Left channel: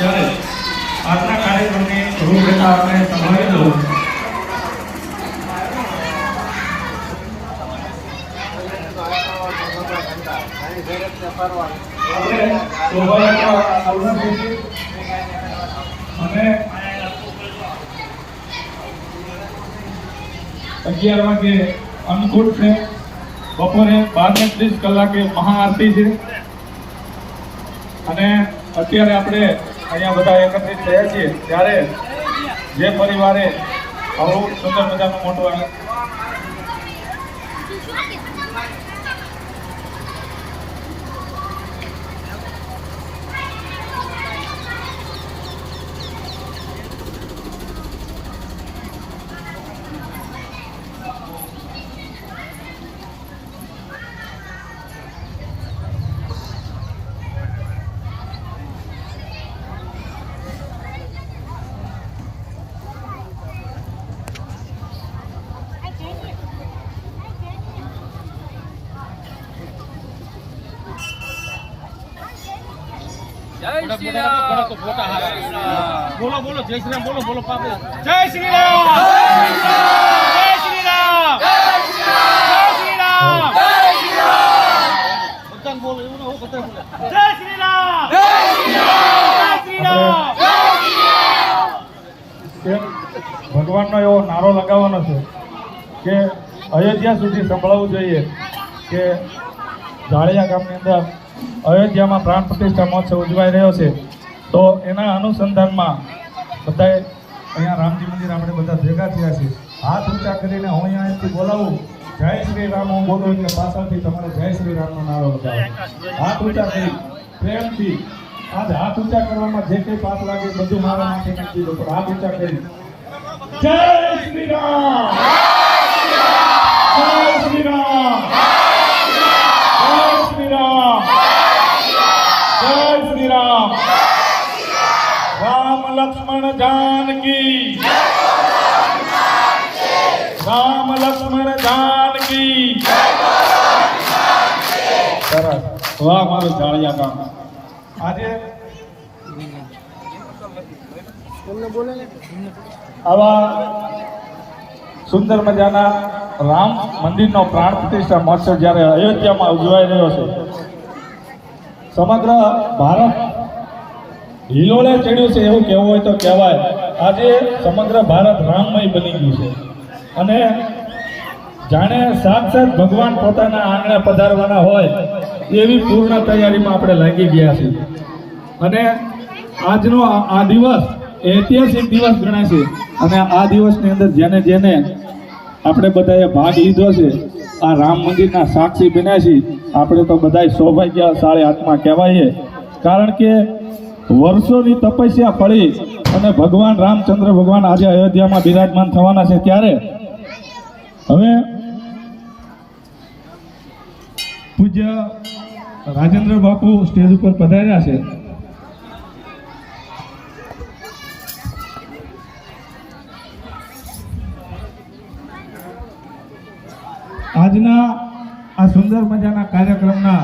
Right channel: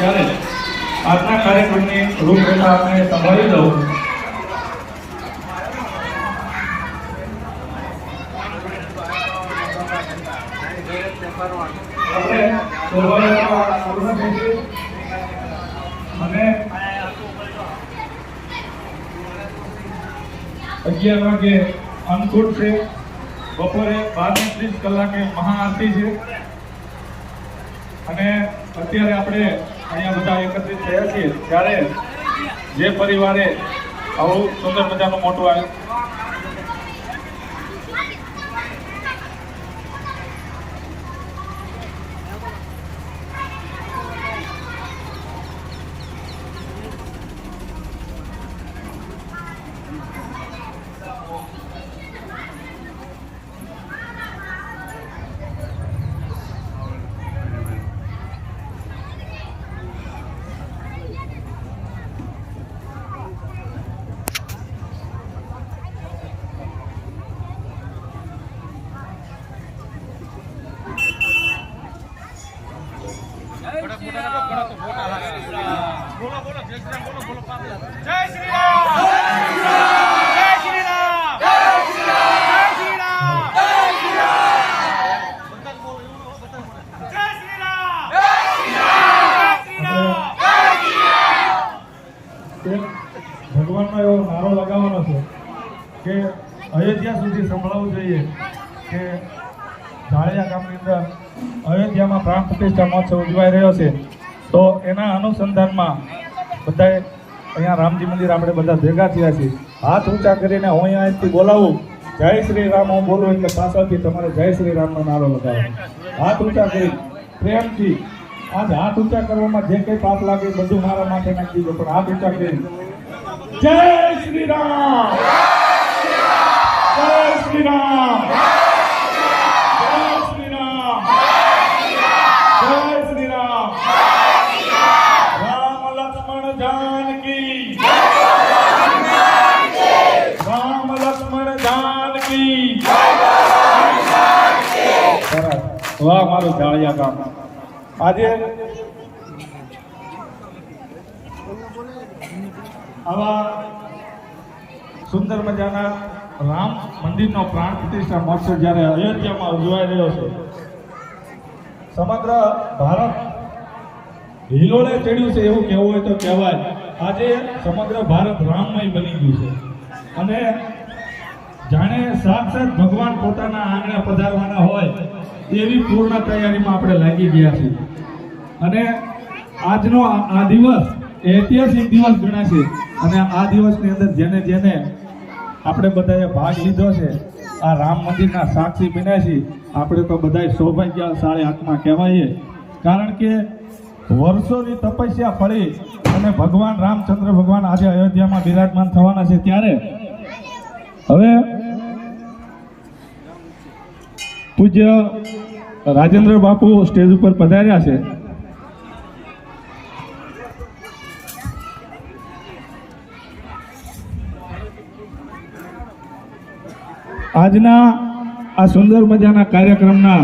ત્યારે આજના કાર્યક્રમની રૂપરેખા આપણે સંભાળી દઉં. આપણે શોભાયાત્રા શરૂ થશે અને 11 વાગે અન્નકૂટ છે. બપોરે 12:30 કલાકે મહાઆરતી છે. અને અત્યારે આપણે અહીંયા બધા એકત્રિત થયા છીએ ત્યારે જે પરિવારે આવું સુંદર મજાનું મોટું जय श्री राम बोलो बोलो जय श्री राम बोलो बोलो जय श्री राम जय श्री राम जय श्री राम जय श्री राम बोलो जय श्री राम जय श्री राम ભગવાનનો એવો નારો લગાવવાનો છે કે અયોધ્યા સુધી સંભળાવવું જોઈએ કે જાળિયા ગામની અંદર અયોધ્યામાં પ્રાણ પ્રતિષ્ઠા મહોત્સવ ઉજવાઈ રહ્યો છે. તો એના અનુસંધાનમાં બધાએ અહીંયા રામજી મંદિર આપણે બધા ભેગા થયા છીએ. હાથ ઊંચા કરીને હું અહીંયાથી બોલાવું જય શ્રી રામ હું બોલું એટલે પાછળથી તમારે જય શ્રી રામનો નારો લગાવો. હાથ ઊંચા કરી પ્રેમથી આજે હાથ ઊંચા કરવામાં જે કંઈ પાપ લાગે બધું મારા માટે નાખી દો, પણ હાથ ઊંચા કરી જય શ્રી રામ જય શ્રી રામ જય શ્રી રામ જય શ્રી રામ રામ લક્ષ્મણ जानकी राम लक्ष्मण जानकी સરસ. વાહ મારું જાળિયા ગામ. આજે આવા સુંદર મજાના રામ મંદિરનો પ્રાણ પ્રતિષ્ઠા મહોત્સવ જ્યારે અયોધ્યામાં ઉજવાઈ રહ્યો છે, સમગ્ર ભારત હિલોળે ચડ્યું છે એવું કહેવું હોય તો કહેવાય. આજે સમગ્ર ભારત રામમય બની ગયું છે અને જાણે સાક્ષાત ભગવાન પોતાના આંગણે પધારવાના હોય એવી પૂર્ણ તૈયારીમાં આપણે લાગી ગયા છીએ. અને આજનો આ દિવસ ઐતિહાસિક દિવસ ગણાશે અને આ દિવસની અંદર જેને જેને આપણે બધાએ ભાગ લીધો છે, આ રામ મંદિરના સાક્ષી બન્યા છીએ, આપણે તો બધા સૌભાગ્યશાળી આત્મા કહેવાય. કારણ કે વર્ષોની તપસ્યા ફળી અને ભગવાન રામચંદ્ર ભગવાન આજે અયોધ્યામાં બિરાજમાન થવાના છે. ત્યારે હવે પૂજ્ય રાજેન્દ્ર બાપુ સ્ટેજ ઉપર પધાર્યા છે. આજના આ સુંદર મજાના કાર્યક્રમના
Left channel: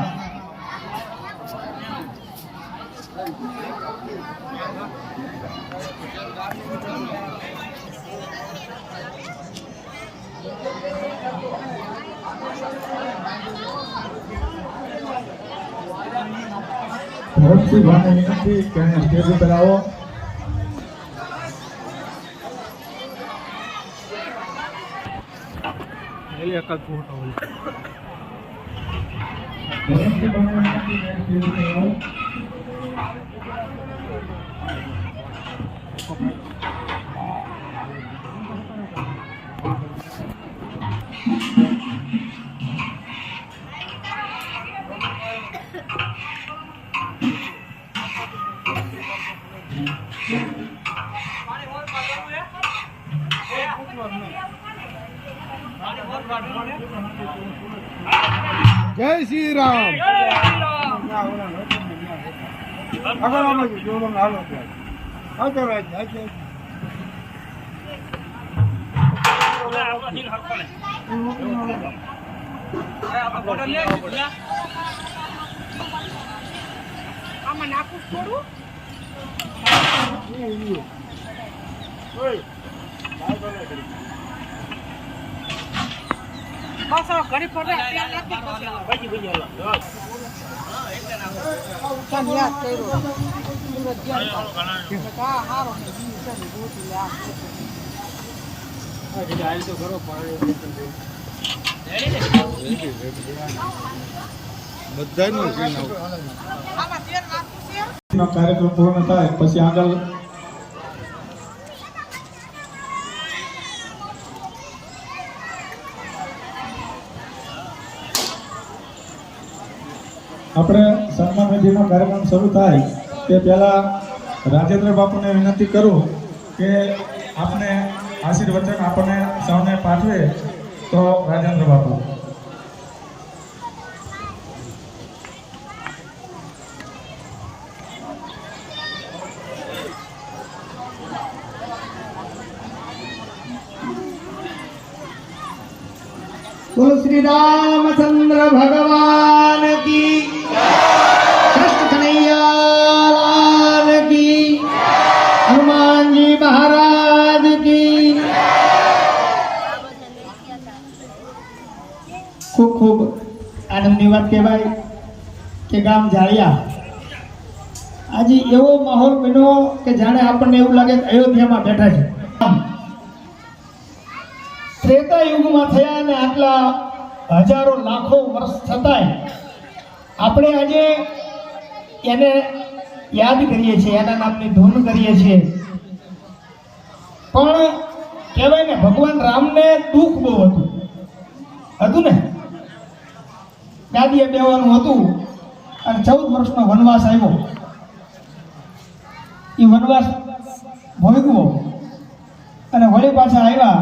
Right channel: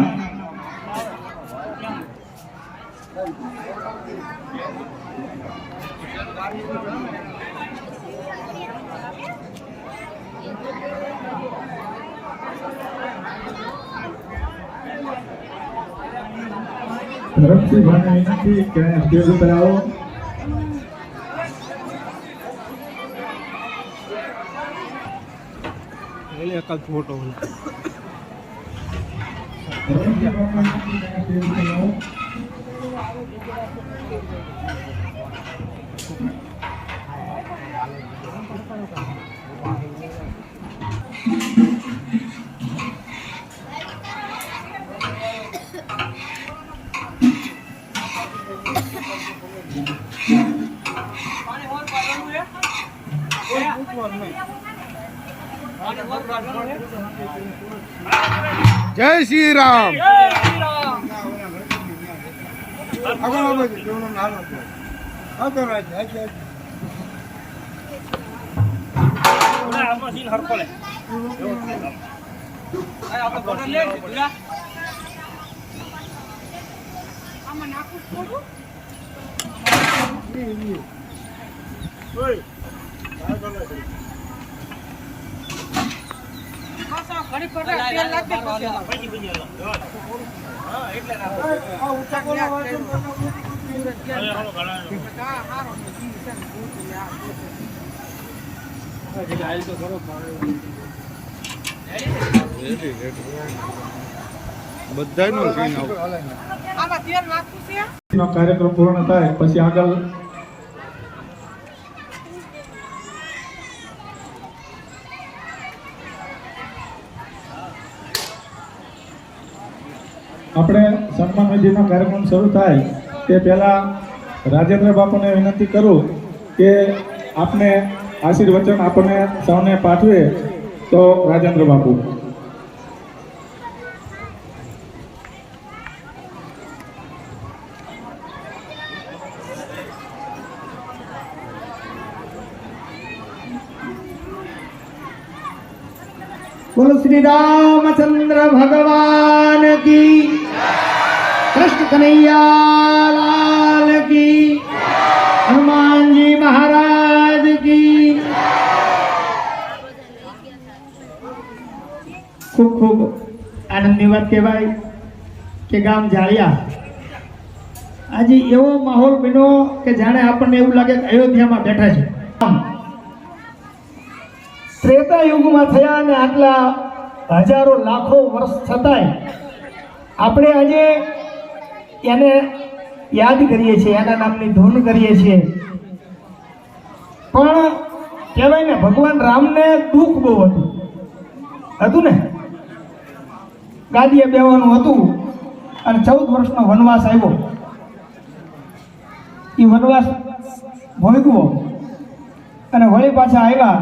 ધરમસિંહ ભાઈને વિનંતી કે અહીંયા સ્ટેજ ઉપર આવો. એક જ ફોટો जय श्री राम. પાછો ઘડી પર તેલ નાખી પછી બધાનો ક્લીન આઉટ આમાં તેલ નાખવું છે નો કાર્યક્રમ પૂર્ણ થાય પછી આગળ આપણે સન્માન વિધિનો કાર્યક્રમ શરૂ થાય તે પહેલા રાજેન્દ્ર બાપુને વિનંતી કરું કે આપને આશીર્વચન આપણને સૌને પાઠવે તો રાજેન્દ્ર બાપુ. बोलो श्री रामचंद्र भगवान की, कृष्ण कन्हैया लाल की, हनुमान जी महाराज की. खूब खूब आनंदની વાત કહેવાય કે ગામ જાળિયા આજે એવો માહોલ બન્યો કે જાણે આપણને એવું લાગે કે અયોધ્યામાં બેઠા છે. ત્રેતા યુગમાં થયા અને આટલા હજારો લાખો વર્ષ છતાંય આપણે આજે એને યાદ કરીએ છીએ, એના નામની ધૂન કરીએ છીએ. પણ કહેવાય ને ભગવાન રામને દુઃખ બહુ હતું ને, ગાદીએ બેવાનું હતું અને 14 વર્ષનો વનવાસ આવ્યો. એ વનવાસ ભોગવો અને વળી પાછા આવ્યા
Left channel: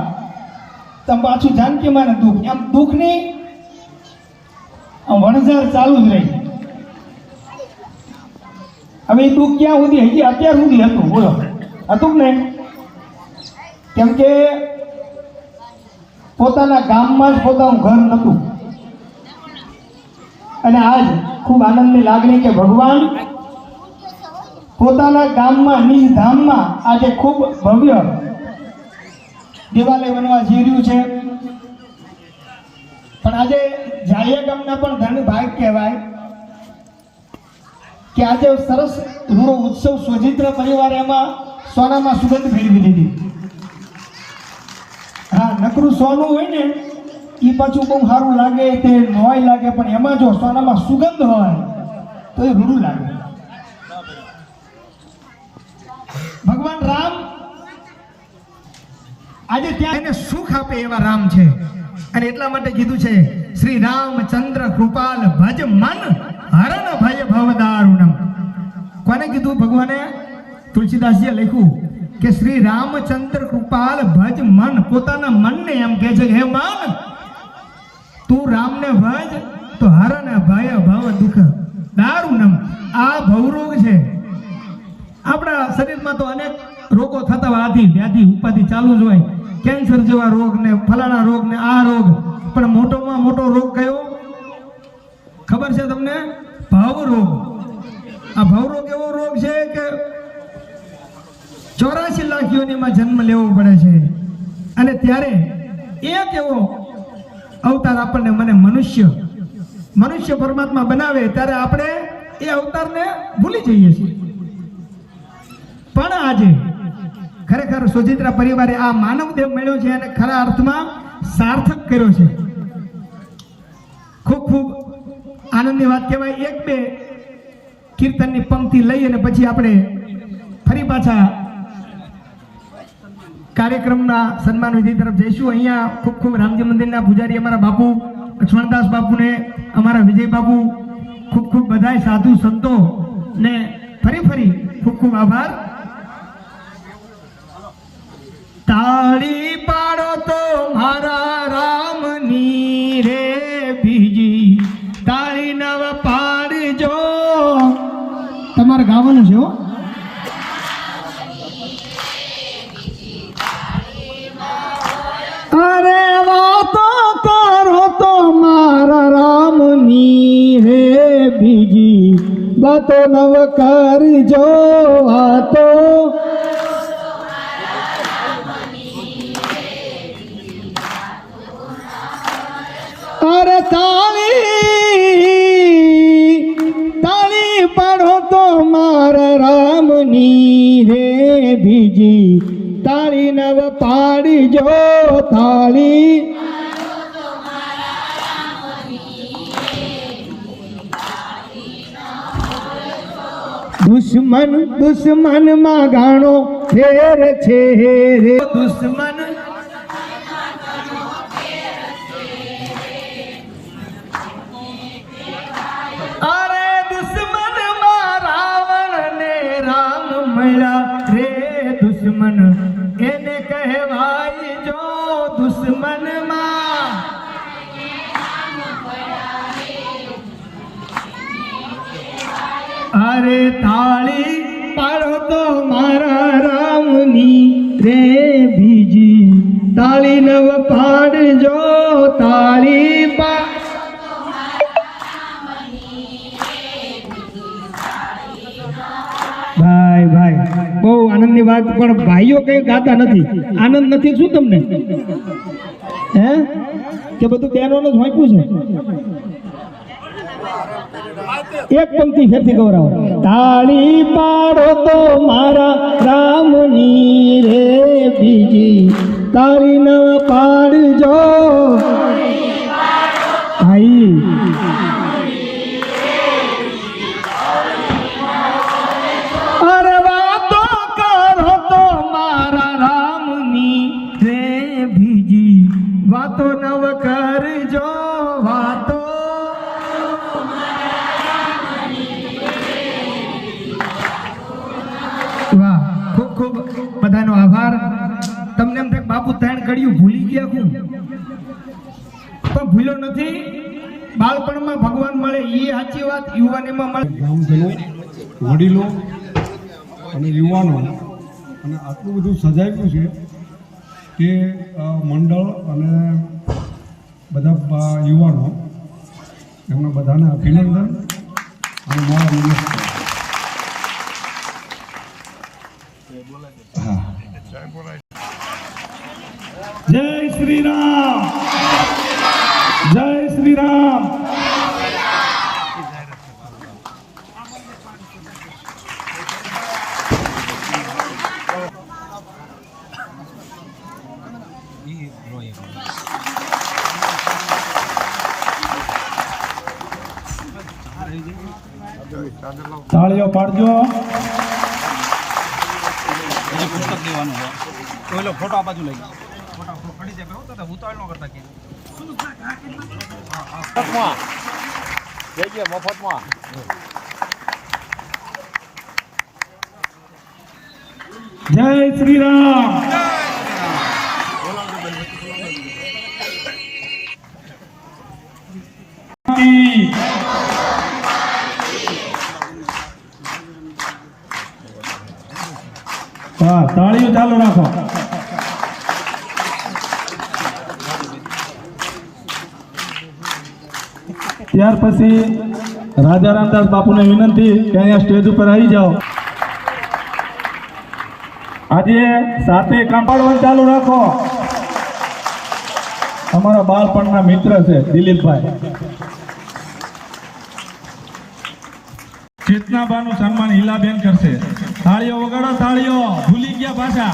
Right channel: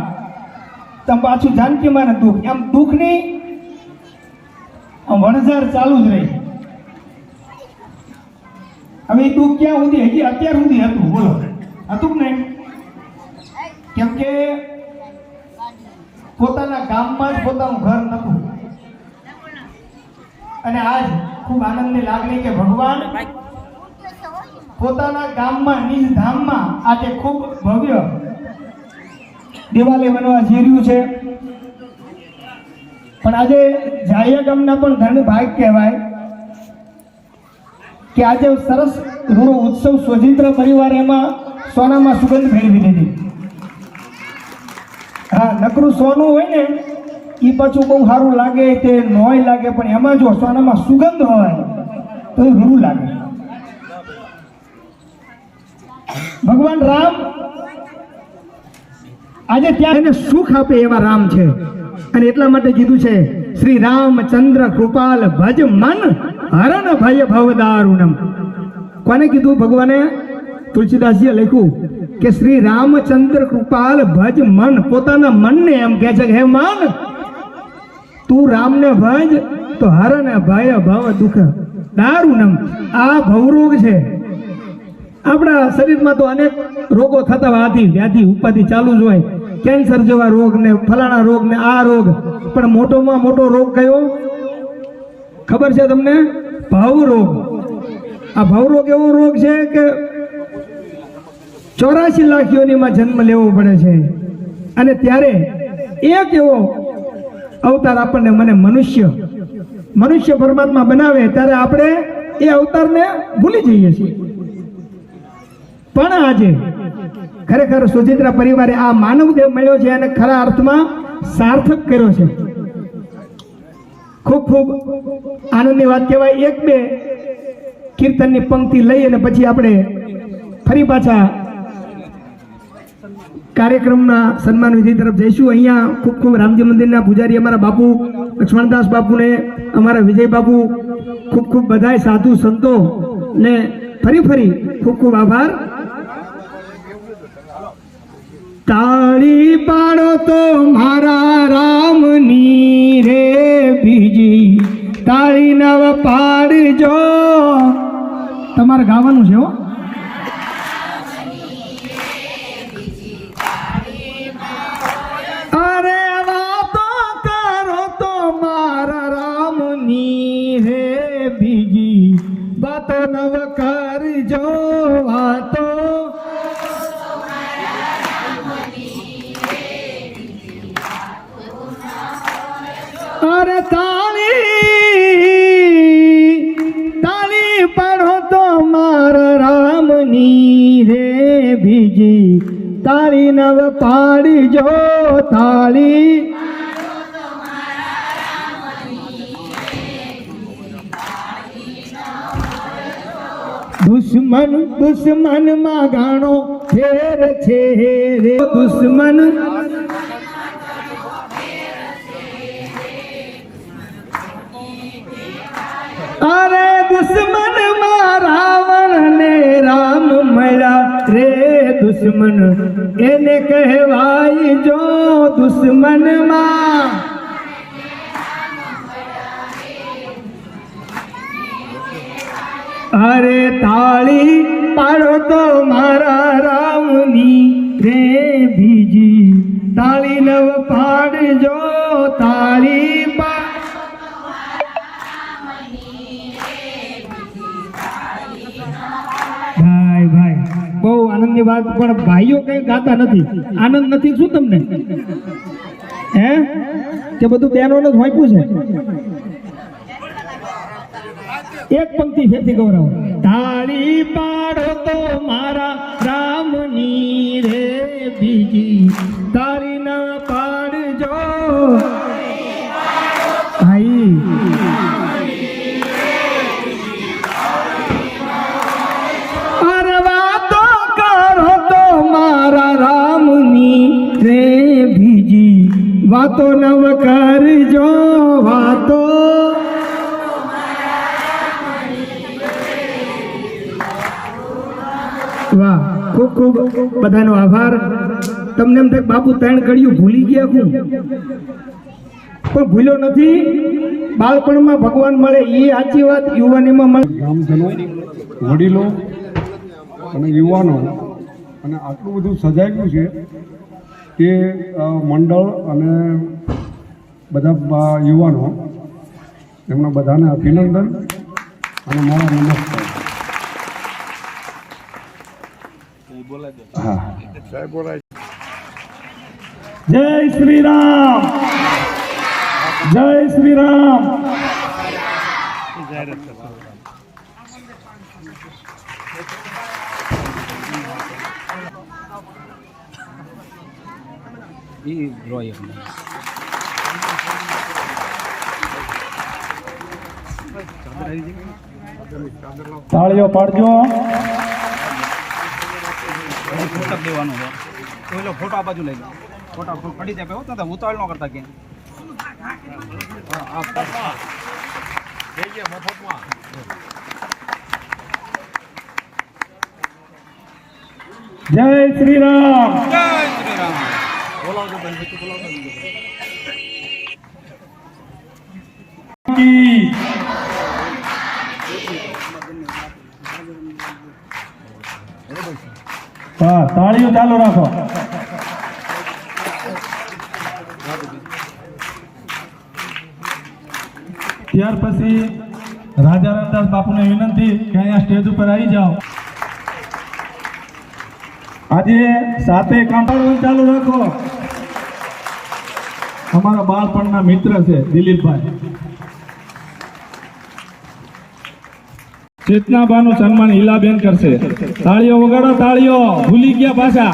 તો પાછું જાનકીમાં ને દુઃખ, એમ દુઃખની વણઝાર ચાલુ જ રહી. હવે એ દુઃખ ક્યાં સુધી? હજી અત્યાર સુધી હતું. બોલો, હતું ને? કેમ કે પોતાના ગામમાં જ પોતાનું ઘર નહોતું. અને આજ ખૂબ આનંદની લાગણી કે ભગવાન પોતાના ગામમાં, નિજ ધામમાં આજે ખૂબ ભવ્ય દિવાલે બનવા જઈ રહ્યું છે. પણ આજે જાળિયા ગામના પણ ધન ભાગ કહેવાય કે આજે સરસ રૂડો ઉત્સવ સ્વજિત્ર પરિવારે એમાં સોનામાં સુગંધ ફેરવી લીધી. હા, નકરું સોનું હોય ને એ પાછું બહુ સારું લાગે, તે નોય લાગે, પણ એમાં જો સોનામાં સુગંધ હોય તો એ રૂડું લાગે. ભગવાન રામ આજે ત્યાં એને સુખ આપે એવા રામ છે. અને એટલા માટે કીધું છે શ્રી રામચંદ્ર કૃપાલ ભજ મન હરણ ભય ભવદારુણમ. કોને કીધું? ભગવાને તુલસીદાસજીએ લખ્યું કે શ્રી રામચંદ્ર કૃપાલ ભજ મન. પોતાના મનને એમ કહે છે કે હે મન, તું રામને ભજ તો હરણ ભય ભવ દુઃખ દારુણમ. આ ભવરોગ છે. આપણા શરીરમાં તો અનેક રોગો થતા હોય, આદિ વ્યાધિ ઉપાધિ ચાલુ જ હોય, કેન્સર જેવા રોગ ને ફલાણા રોગ ને આ રોગ. પણ મોટોમાં મોટો રોગ કયો ખબર છે તમને? ભવરોગ. આ ભવરોગ એવો રોગ છે કે 84 લાખ યોનિમાં જન્મ લેવો પડે છે. અને ત્યારે એક એવો અવતાર આપણને મને મનુષ્ય પરમાત્મા બનાવે ત્યારે આપણે એ અવતારને ભૂલી જઈએ છીએ. પણ આજે ખરેખર સુચિત્રા પરિવારે આ માનવ દેહ મળ્યો છે અને ખરા અર્થમાં સાર્થક કર્યો છે. ખૂબ ખૂબ આનંદની વાત કહેવાય. એક બે કીર્તનની પંક્તિ લઈ અને પછી આપણે ફરી પાછા કાર્યક્રમના સન્માન વિધિ તરફ જઈશું. અહીંયા ખૂબ ખૂબ રામજી મંદિરના પૂજારી અમારા બાપુ લક્ષ્મણદાસ બાપુને, અમારા વિજય બાપુ, ખૂબ ખૂબ બધાય સાધુ સંતો ને ફરી ખૂબ ખૂબ આભાર. તાળી પાડો તો મારા રામની રે બીજી, તાળી નવ પાડજો. તમારે ગાવાનું છે હો. અરે વાતો કરો તો મારા રામની રે બીજી, વાતો નવ કરજો. વાતો ની રે બીજી તાળી નવ પાડજો તાળી દુશ્મન દુશ્મન માં ગાણો ફેર છે રે દુશ્મન અરે દુશ્મન માં રાવણ ને રામ મળ્યા રે દુશ્મન એને કહેવાય જો દુશ્મન માં અરે તાળી પાડો તો મારા રામની રે બીજી તાળી નવ પાડજો તાળી ભાઈ ભાઈ બહુ આનંદની વાત પણ ભાઈઓ કઈ ગાતા નથી આનંદ નથી શું તમને હે કે બધું બહેનોને જ વાંચ્યું છે એક પંક્તિ ફેરથી ગૌરવ તાળી પાડો તો મારા રામની રે બીજી તાળી ન પાડજો ભાઈ અરે વાતો કરો તો મારા રામની રે બીજી વાતો નવ કરજો વાતો વાહ ખૂબ ખૂબ બધાનો આભાર તમને એમ થાય બાપુ ત્રણ કડિયું ભૂલી ગયા હું પણ ભૂલ્યો નથી બાળપણમાં ભગવાન મળે એ સાચી વાત યુવાનીમાં મળે ગામજનો વડીલો અને યુવાનો અને આટલું બધું સજાયું છે કે મંડળ અને બધા યુવાનો એમના બધાને અભિનંદન અને મારા નમસ્કાર. જય શ્રી રામ, જય શ્રી રામ. તાળીઓ પાડજો. પુસ્તક દેવાનું છે તો એ ફોટો આ બાજુ લઈ ગયો ફોટો પડી જાય હોત ને ઉતાવળ ન કરતા કે મફતમાં જઈએ મફતમાં. જય શ્રી રામ. વાહ, તાળીઓ ચાલુ રાખો. ત્યાર પછી રાજા રામદાસ બાપુને વિનંતી કે અહીંયા સ્ટેજ ઉપર આવી જાઓ. આજે સાથે કાંપાડવાનું ચાલુ રાખો. અમારા બાળપણના મિત્ર છે દિલીપભાઈ. ચેતનાબાનું સન્માન હિલાબેન કરશે. તાળીઓ વગાડો, તાળીઓ. ભૂલી ગયા પાછા.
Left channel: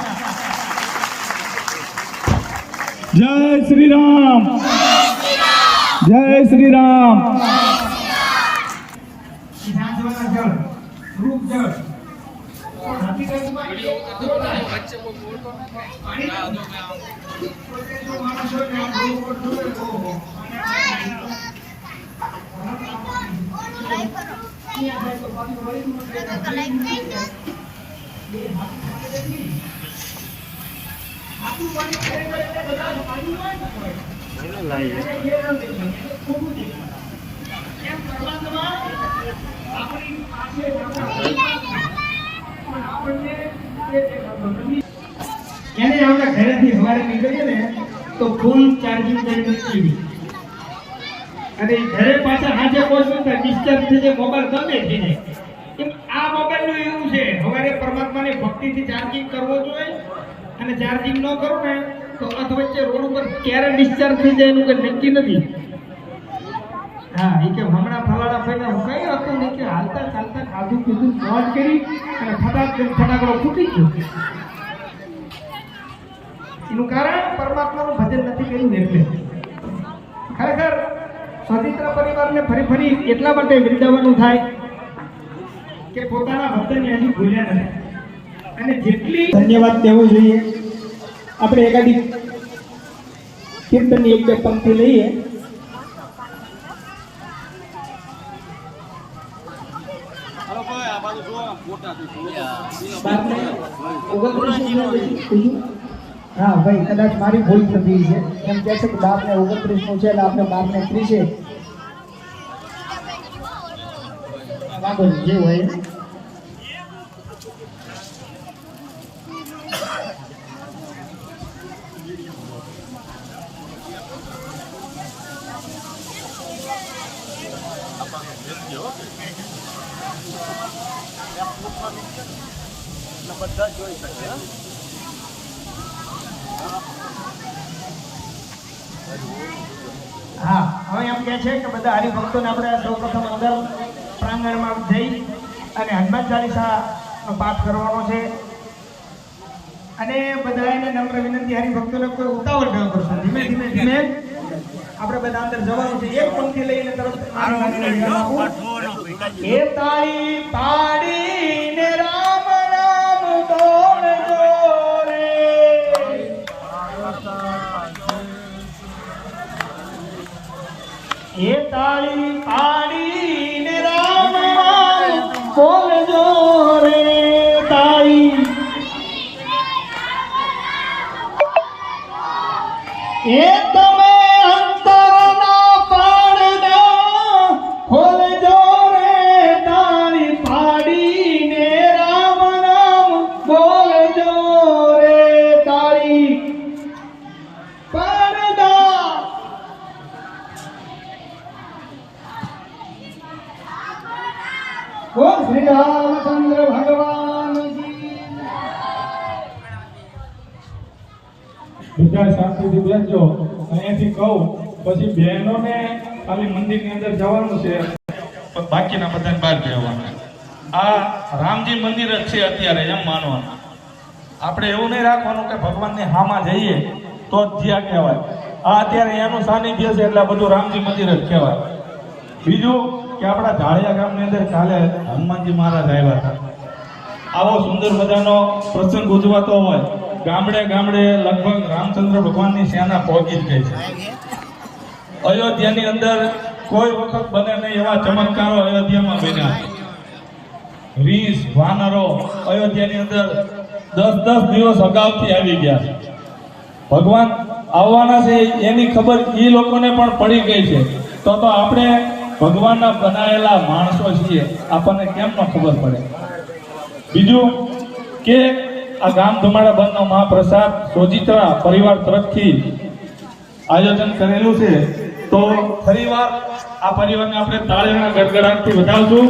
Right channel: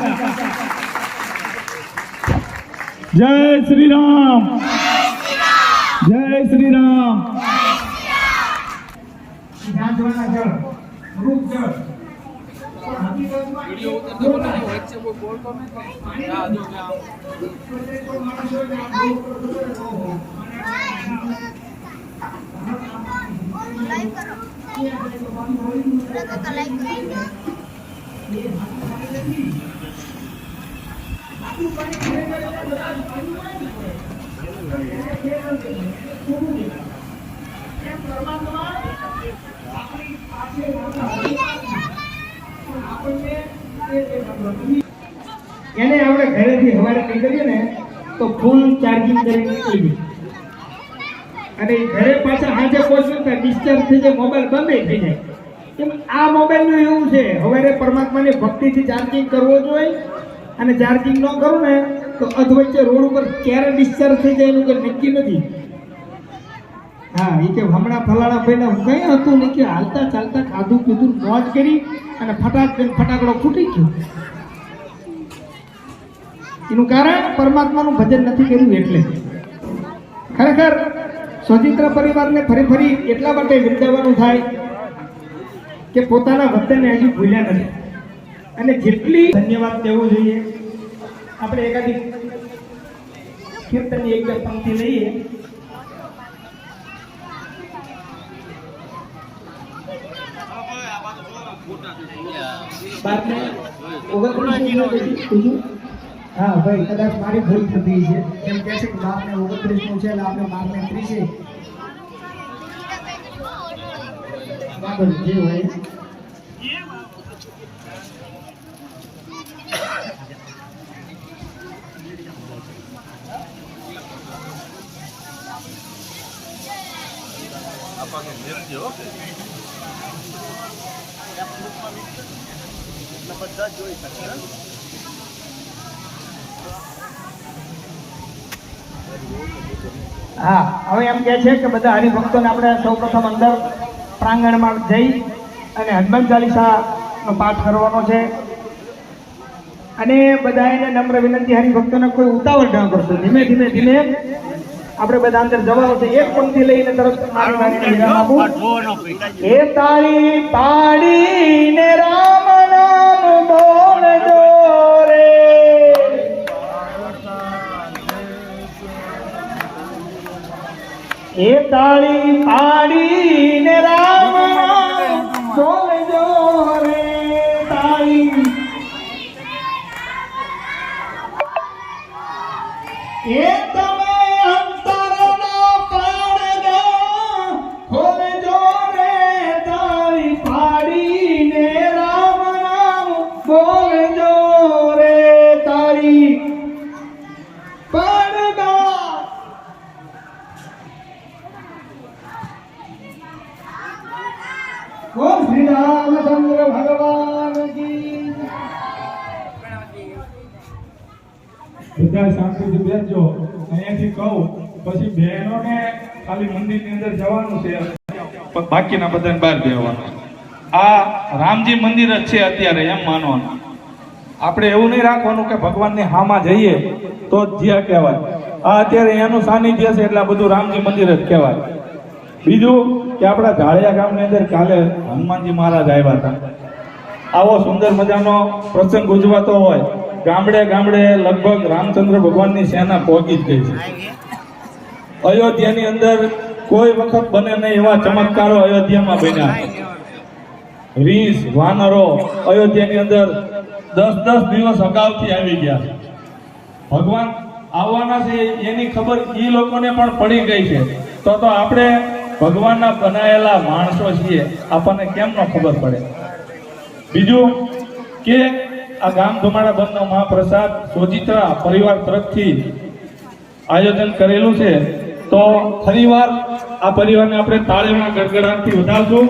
જય શ્રી રામ, જય શ્રી રામ. એને આપણે ઘરેથી સવારે નીકળીએ ને તો ફૂલ ચાર્જિંગ કરીને નીકળી અને ઘરે પાછા હાજર પહોંચ્યું તો ડિસ્ચાર્જ થઈ જાય, મોબાઈલ બંધ થઈ જાય. એમ આ મોબાઈલનું એવું છે, સવારે પરમાત્માની ભક્તિથી ચાર્જિંગ કરવો જોઈએ અને ચાર્જિંગ ન કરું ને તો અધવચ્ચે રોડ ઉપર ક્યારે ડિસ્ચાર્જ થઈ જાય એનું કંઈ નક્કી નથી. હા એ કે હમણાં ફલાણા ભાઈને કઈ હતું નહીં કે હાલતા ચાલતા ખાધું પીધું મોજ કરી અને ફટાકડો ફૂટી ગયો. એનું કારણ પરમાત્માનું ભજન નથી કર્યું એટલે. ખરેખર સ્વતંત્ર પરિવારને ફરી ફરી એટલા માટે બિરદાવવાનું થાય કે પોતાના ભક્તને હજુ ભૂલ્યા નથી અને જેટલી ધન્યવાદ દેવો જોઈએ. આપણે એકાદી કીર્તનની એક બે પંક્તિ લઈએ. હા ભાઈ કદાચ મારી ભૂલ થતી છે એમ કહે છે કે 12 ને 29 નું છે એટલે આપણે 12 ને 30 બરાબર જે હોય. બધા જોઈ શકે. હા હવે એમ કહે છે કે બધા હરિભક્તોને આપણે સૌપ્રથમ અંદર પ્રાંગણમાં જઈ અને હનુમાન ચાલીસાનો પાઠ કરવાનો છે અને બધા એને નમ્ર વિનંતી હરિભક્તોને કોઈ ઉતાવળ ન કરતો. ધીમે ધીમે ધીમે આપણે બધા અંદર જવાનું છે. એક પંક્તિ લઈને તરત એ તાળી પાડીને રામ નામ બોલજો રે. એ તાળી પાડીને રામ નામ બોલજો રે. તાળી એ તમે અંતરનો પડદો ખોલજો રે. તાળી પાડીને રામ નામ બોલજો રે. તાળી પડદા બોલ શ્રી રામચંદ્ર ભગવાન કી. બધા શાંતિથી બેસજો. અહીંયાથી કહું પછી બહેનોને ખાલી મંદિરની અંદર જવાનું છે, પણ બાકીના બધાને બહાર બેસવાનું. આ રામજી મંદિર જ છે અત્યારે એમ માનવાનું. આપણે એવું નહીં રાખવાનું કે ભગવાનની હામાં જઈએ તો જ જ્યાં કહેવાય. આ અત્યારે એનું સાનિધ્ય છે એટલે આ બધું રામજી મંદિર જ કહેવાય. બીજું કે આપણા ઢાળિયા ગામની અંદર કાલે હનુમાનજી મહારાજ આવ્યા હતા. આવો સુંદર મજાનો પ્રસંગ ઉજવાતો હોય, ગામડે ગામડે લગભગ રામચંદ્ર ભગવાનની સેના પહોંચી જ ગઈ છે. અયોધ્યાની અંદર કોઈ વખત બને નહીં એવા ચમત્કારો અયોધ્યામાં બન્યા. રીસ વાનરો અયોધ્યાની અંદર 10 દિવસ અગાઉથી આવી ગયા. ભગવાન આવવાના છે એની ખબર એ લોકોને પણ પડી ગઈ છે. તો આપણે ભગવાનના બનાયેલા માણસો છીએ, આપણને કેમ ન ખબર પડે. બીજું કે આ ગામ ધુમાડા બંધનો મહાપ્રસાદ સોજિત્રા પરિવાર તરફથી આયોજન કરેલું છે. તો ફરીવાર આ પરિવારને આપણે તાળીના ગડગડાટથી વધાવશું.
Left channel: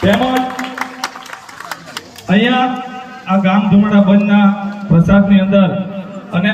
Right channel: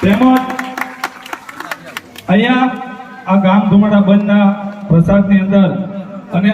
તેમજ અહીંયા આ ગામ ધુમાડા બંધના પ્રસાદની અંદર અને